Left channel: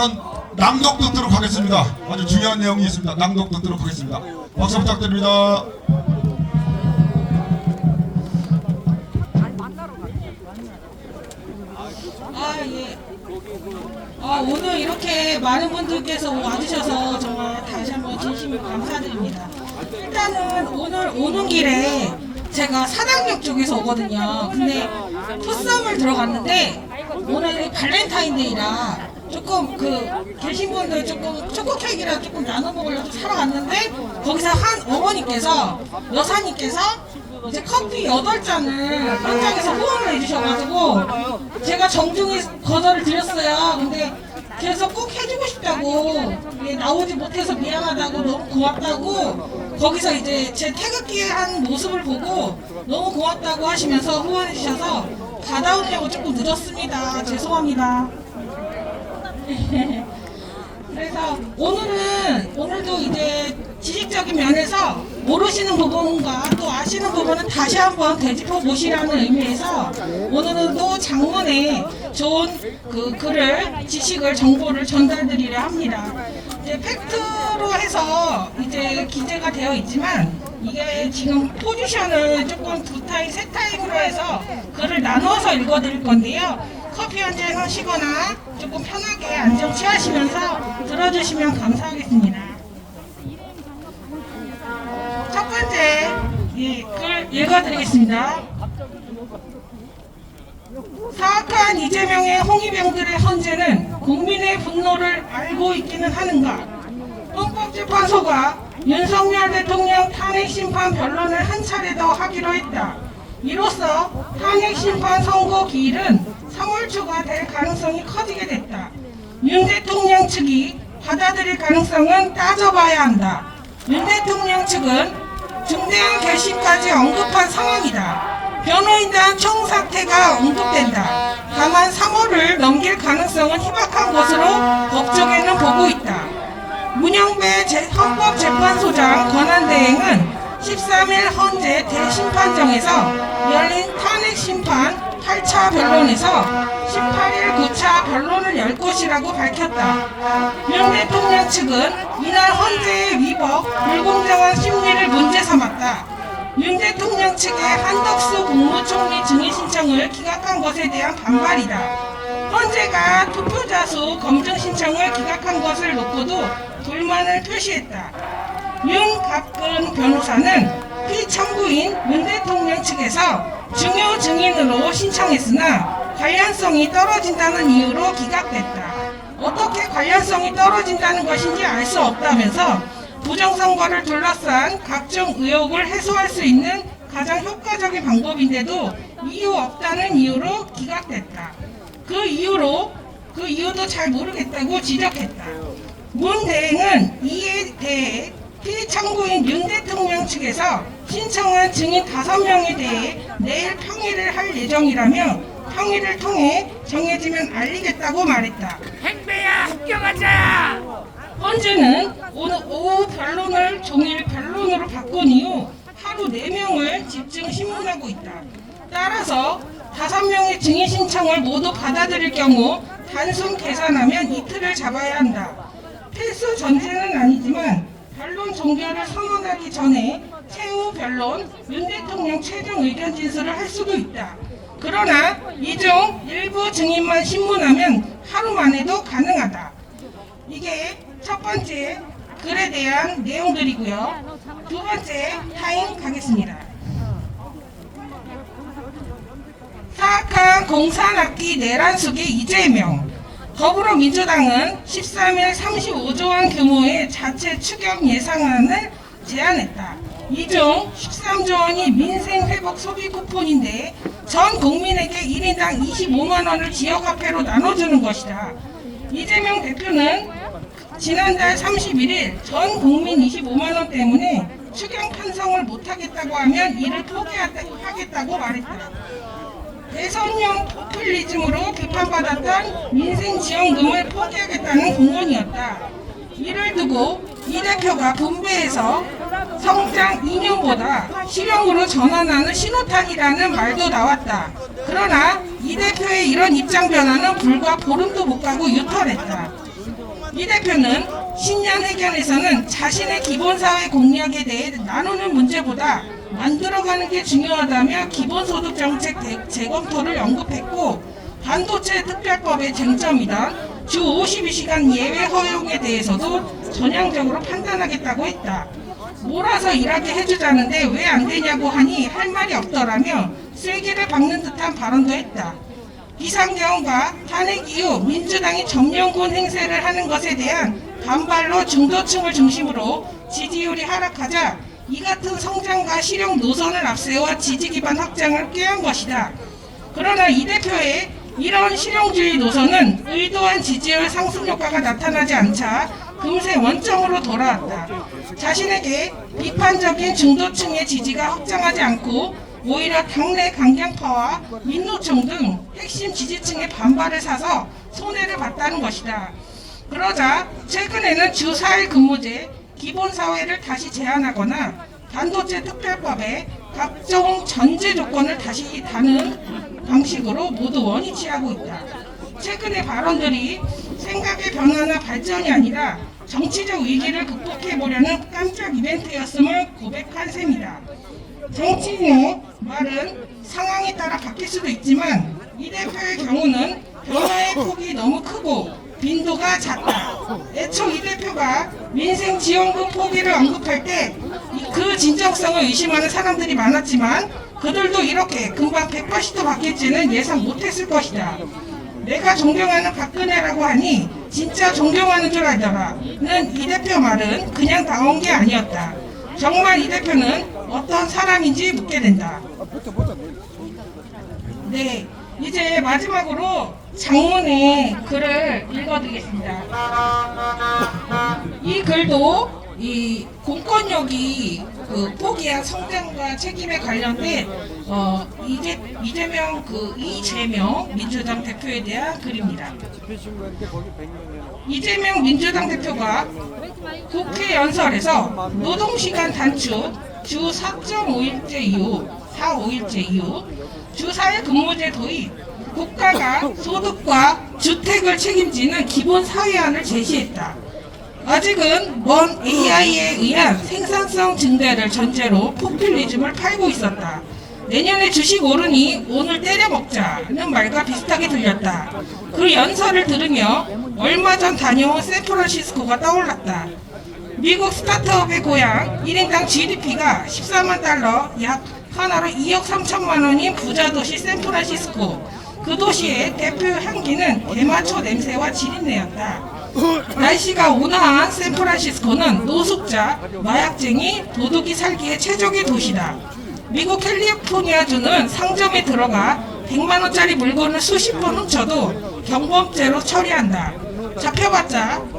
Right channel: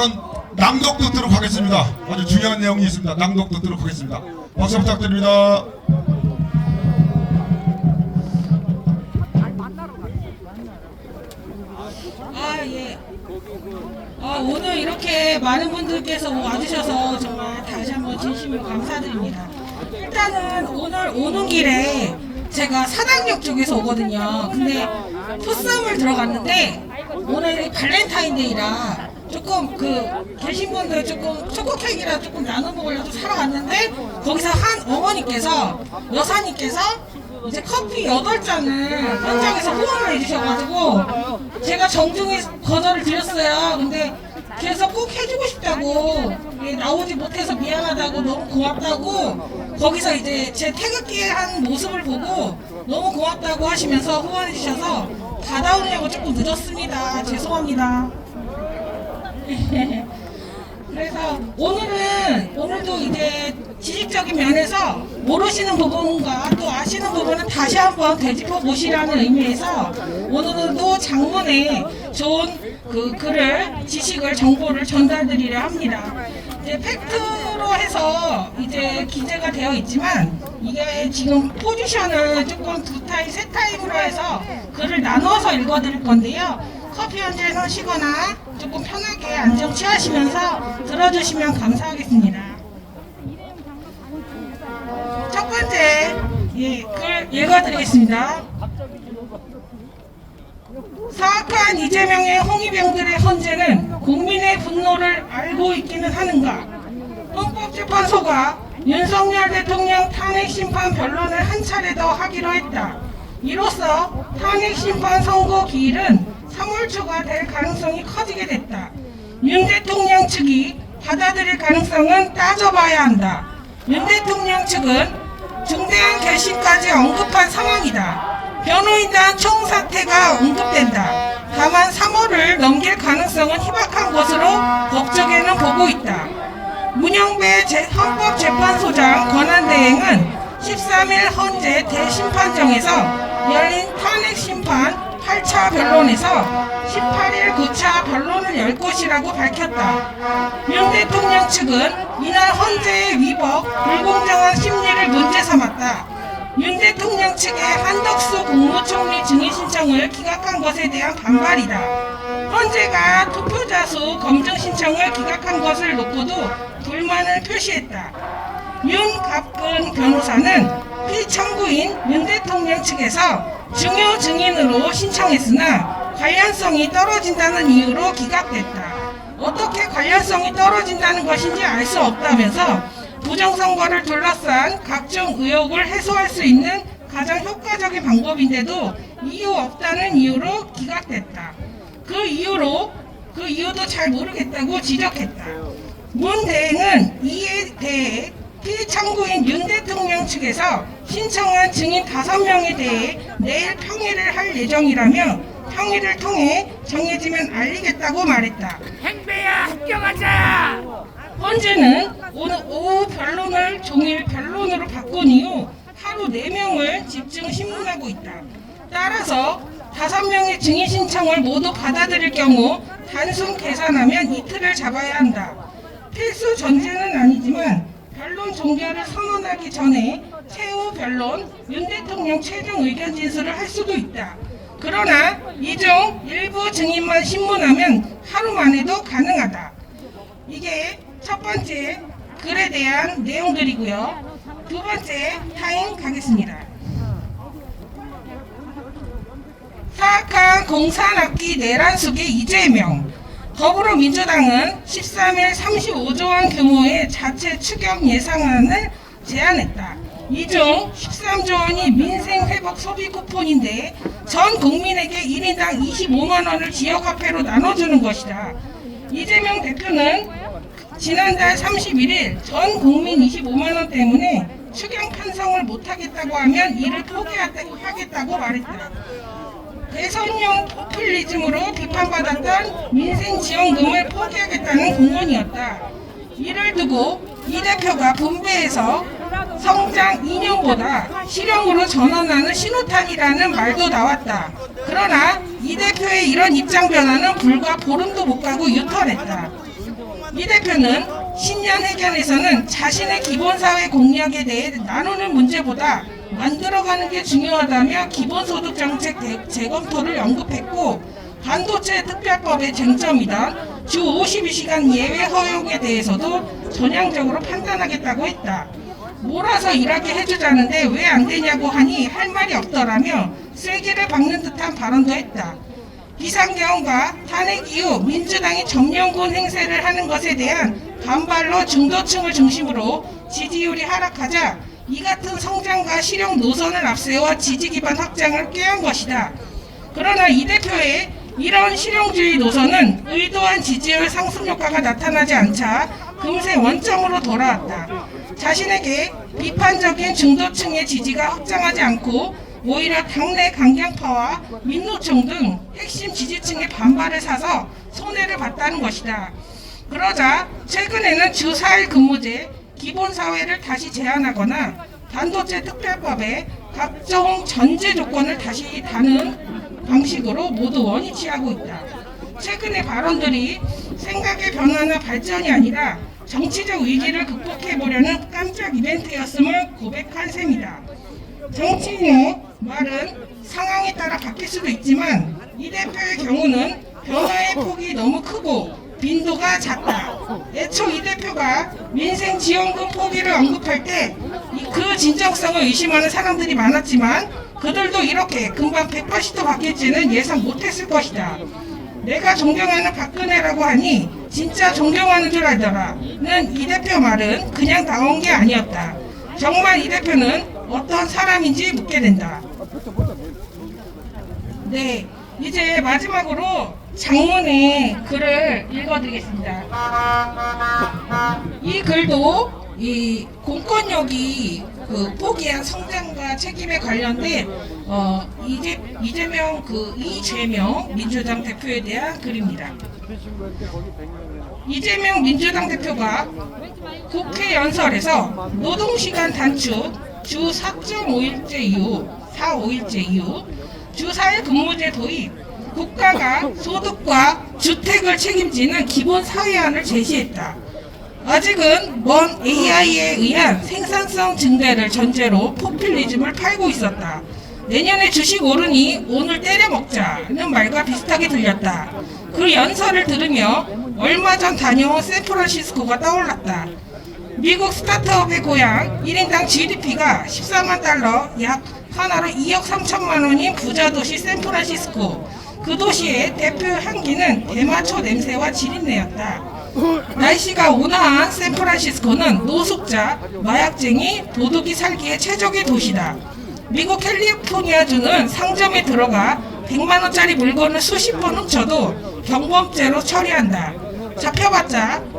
발언 낭독 듣도록 하겠습니다. 아주 중요한 내용이 있습니다. 낭독 듣도록 하겠습니다. 박수 부탁드립니다. 예. 오늘 이렇게 많은 분들께서 와주셔서 정말 다시 한번 진심으로 감사드립니다. 일단은 오늘 오는 길에 제가 사당역 쪽에서 오거든요. 근데 포싸움을 들어갔는데 오늘 발렌타인데이라 조금 계신 분들 조금 초코 케이크랑 조금 나눠 먹으려고 사러 갔는데 거기서 한 어머니께서 여사님께서 이제 커피 8잔을 현장에서 후원을 해주셔가지고 제가 정중히 거절을 드렸어요. 근데 그래서 꼭 해주고 싶다고 나오지 못해서 미안하다고 너무 고맙다고 거기서 이제 제 태극기에 한 모습을 보고 너무 고맙다고 하시면서 후원해 주셔서 받아오려고 조금 늦었습니다. 죄송합니다. 그래서 오늘도 이제 지식적인 면에서 모르시는 부분과 또 아시는 부분은 다시 한번 되짚어 보시라는 의미에서 오늘은 또 장문에 좋은 글을, 지식을, 정보를 전달드리려 합니다. 이제 팩트로 해서 이제 기재가 되어 있지만 이게 지금 포지션을 조금 2타임, 3타임으로 해서 글을 나눠서 읽어드릴 건데요. 커피 한 잔 하시거나 조금 편하게 안정 취하시면서 들어주시면 감사하겠습니다. 첫 번째 글 읽어드리겠습니다. 사악한 이재명의 홍위병들의 헌재는 국민의 분노를 알고 있기는 하는가? 헌법재판소가 윤석열 대통령 탄핵심판 변론을 한 차례 더 하기로 했다. 이로써 탄핵심판 선고 기일은 3월 초가 될 가능성이 커지게 됐다. 윤 대통령 측이 받아들일 가능성은 따져봐야 한다. 윤 대통령 측은 중대한 결심까지 언급한 상황이다. 변호인단 총사퇴가 언급된다. 다만 3월을 넘길 가능성은 희박한 것으로 법조계는 보고 있다. 문영배 헌법재판소장 권한대행은 13일 헌재 대심판정에서 열린 탄핵심판 8차 변론에서 18일 9차 변론을 열 것이라고 밝혔다. 윤 대통령 측은 이날 헌재의 위법, 불공정한 심리를 문제 삼았다. 윤 대통령 측의 한덕수 국무총리 증인 신청을 기각한 것에 대한 반발이다. 헌재가 투표자 수 검증 신청을 기각한 것을 놓고도 불만을 표시했다. 윤갑근 변호사는 피청구인 윤 대통령 측에서 중요 증인으로 신청했으나 관련성이 떨어진다는 이유로 기각됐다. 어떻게 관련성이 떨어진다는 것인지 알 수 없다면서 부정선거를 둘러싼 각종 의혹을 해소할 수 있는 가장 효과적인 방법인데도 이유 없다는 이유로 기각됐다. 그 이유도 잘 모르겠다고 지적했다. 문 대행은 이에 대해 피청구인 윤 대통령 측에서 신청한 증인 5명에 대해 내일 평의를 할 예정이라며 평의를 통해 정해지면 알리겠다고 말했다. 행배야 합격하자! 헌재는 오늘 오후 변론을 종일 변론으로 바꾼 이후 하루 4명을 집중 심문하고 있다. 따라서 5명의 증인 신청을 모두 받아들일 경우 단순 계산하면 이틀을 잡아야 한다. 필수 전제는 아니지만 변론 종결을 선언하기 전에 최후 변론, 윤 대통령 최종 의견 진술을 할 수도 있다. 그러나 이 중 일부 증인만 신문하면 하루 만에도 가능하다. 이게 첫 번째 글에 대한 내용들이고요. 두 번째 타임 가겠습니다. 사악한 공산악기 내란 속의 이재명. 더불어민주당은 13일 35조 원 규모의 자체 추경 예산안을 제안했다. 이 중 13조 원이 민생회복 소비 쿠폰인데 전 국민에게 1인당 25만 원을 지역화폐로 나눠주는 것이다. 이재명 대표는 지난달 31일 전 국민 25만 원 때문에 추경 편성을 못하겠다고 하면 이를 포기하겠다고 말했다. 대선용 포퓰리즘으로 비판받았던 민생지원금을 포기하겠다는 공언이었다. 이를 두고 이 대표가 분배해서 성장 인용보다 실용으로 전환하는 신호탄이라는 말도 나왔다. 그러나 이 대표의 이런 입장 변화는 불과 보름도 못 가고 유턴했다. 이 대표는 신년 회견에서는 자신의 기본사회 공약에 대해 나누는 문제보다 만들어가는 게 중요하다며 기본소득 정책 재검토를 언급했고, 반도체 특별법의 쟁점이다 주 52시간 예외 허용에 대해서도 전향적으로 판단하겠다고 했다. 몰아서 일하게 해주자는데 왜 안 되냐고 하니 할 말이 없더라며 쐐기를 박는 듯한 발언도 했다. 비상계엄과 탄핵 이후 민주당이 정년군 행세를 하는 것에 대한 반발로 중도층을 중심으로 지지율이 하락하자 이 같은 성장과 실용 노선을 앞세워 지지 기반 확장을 꾀한 것이다. 그러나 이 대표의 이런 실용주의 노선은 의도한 지지율 상승 효과가 나타나지 않자 금세 원점으로 돌아왔다. 자신에게 비판적인 중도층의 지지가 확장하지 않고 오히려 당내 강경파와 민노총 등 핵심 지지층의 반발을 사서 손해를 봤다는 것이다. 그러자 최근에는 주 4일 근무제, 기본사회를 다시 제한하거나 반도체 특별법에 각종 전제 조건을 다시 다는 방식으로 모두 원위치하고 있다. 최근의 발언들이 생각의 변화나 발전이 아니라 정치적 위기를 극복해보려는 깜짝 이벤트였음을 고백한 셈이다. 정치인의 말은 상황에 따라 바뀔 수도 있지만 이 대표의 경우는 변화의 폭이 너무 크고 빈도가 작다. 애초 이 대표가 민생 지원금 포기를 언급할 때 그 진정성을 의심하는 사람들이 많았지만 그들도 이렇게 금방 180도 바뀔지는 예상 못했을 것이다. 내가 존경하는 박근혜라고 하니 진짜 존경하는 줄 알더라는 이 대표 말은 그냥 나온 게 아니었다. 정말 이 대표는 어떤 사람인지 묻게 된다. 네, 이제 마지막으로 장문의 글을 읽어드리겠습니다. 이 글도 이 공권력이 그 포기한 성장과 책임에 관련된 이재명 민주당 대표에 대한 글입니다. 이재명 민주당 대표가 국회 연설에서 노동시간 단축 주 4.5일제 이후 주 4일 근무제 도입, 국가가 소득과 주택을 책임지는 기본 사회안을 제시했다. 아직은 먼 AI에 의한 생산성 증대를 전제로 포퓰리즘을 팔고 있었다. 내년에 주식 오르니 오늘 때려 먹자는 말과 비슷하게 들렸다. 그 연설을 들으며 얼마 전 다녀온 샌프란시스코가 떠올랐다. 미국 스타트업의 고향 1인당 GDP가 14만 달러, 약 하나로 2억 3천만 원인 부자 도시 샌프란시스코. 그 도시의 대표 향기는 대마초 냄새와 지린내였다. 날씨가 온화한 샌프란시스코는 노숙자, 마약쟁이, 도둑이 살기에 최적의 도시다. 미국 캘리포니아주는 상점에 들어가 100만 원짜리 물건을 수십 번 훔쳐도 경범죄로 처리한다. 잡혀봤자